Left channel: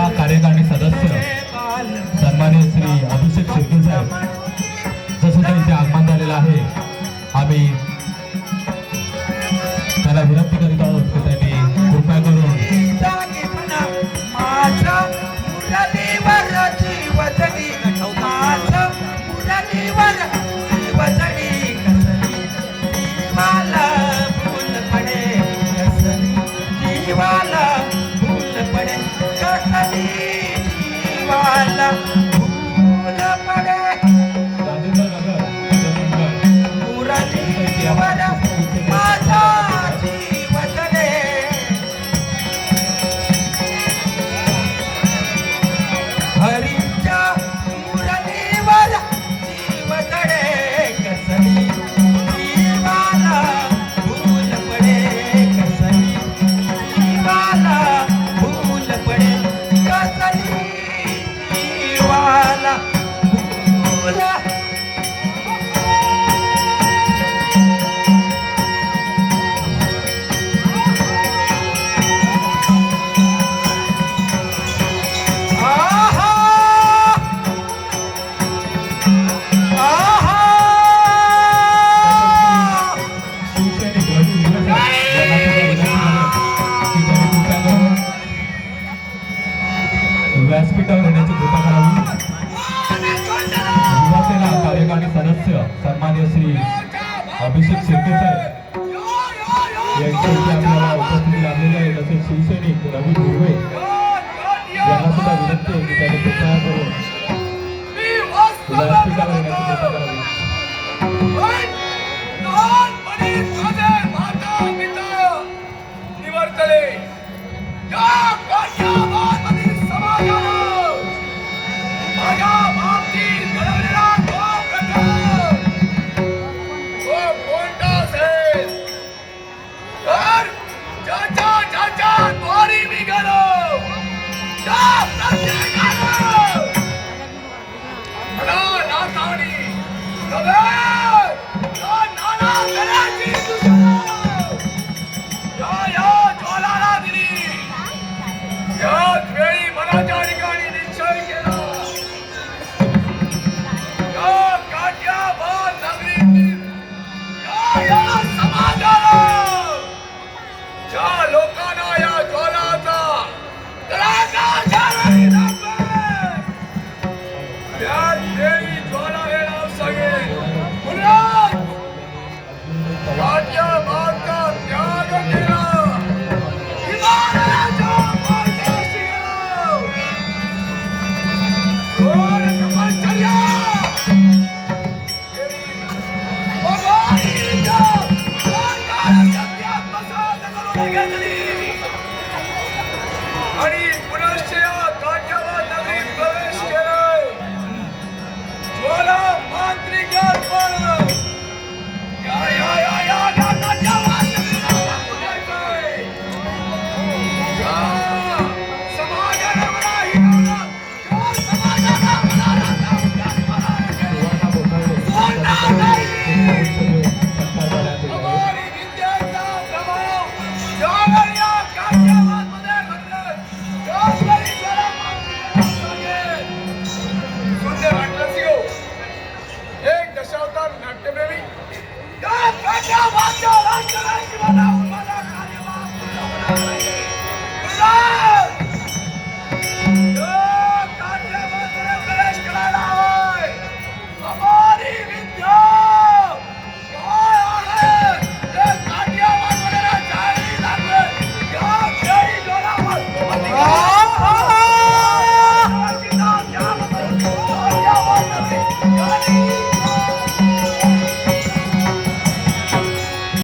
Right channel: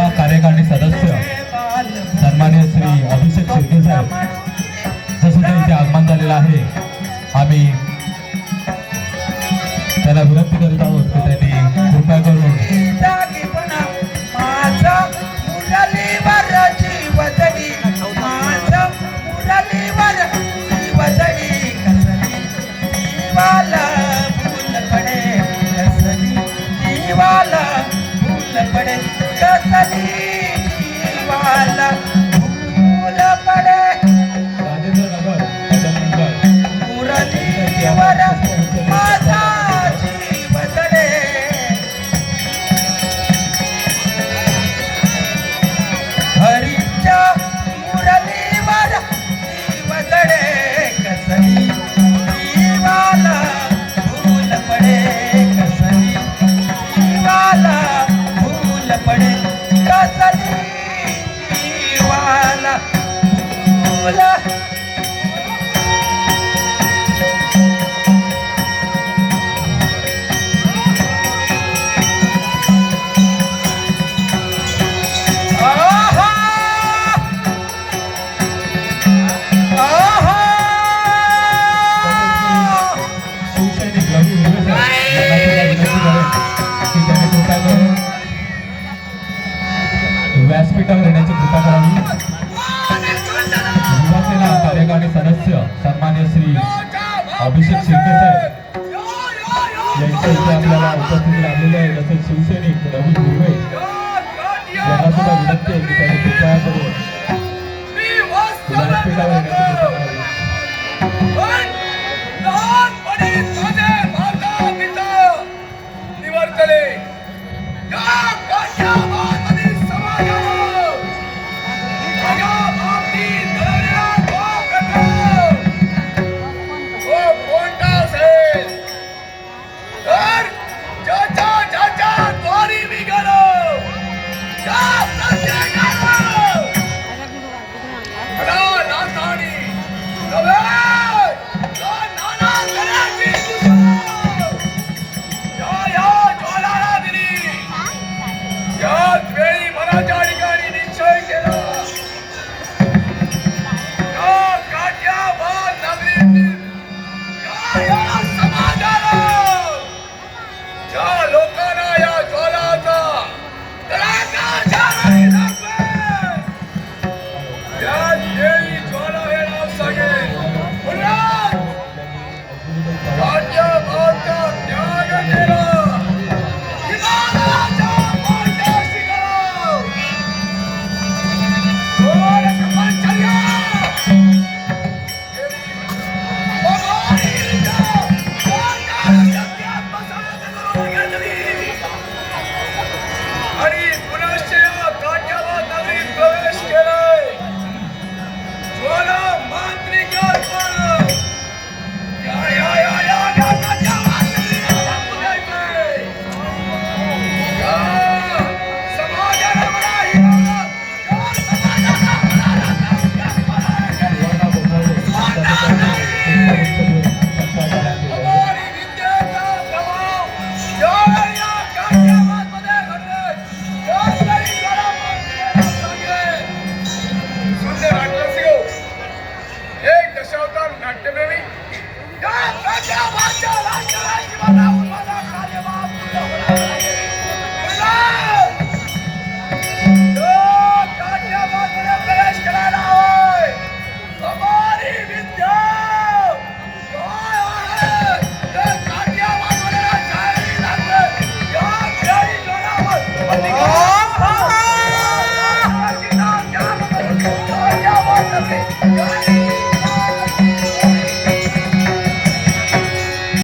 जिल्हा कार्यकारिणी सदस्य सन्मान्य श्री अभिषेक शिर्के साहेब जसं त्यांचे आगमन झालेलं आहे आम्ही अभिषेक शेटे साहेब. यांच्या इथे आपल्याला उपस्थित लाभलेले आहे तसेच शिवसैनिक रवी यांना सुद्धा विनंती आहे की त्यांनी व्यासपीठावर येण्याची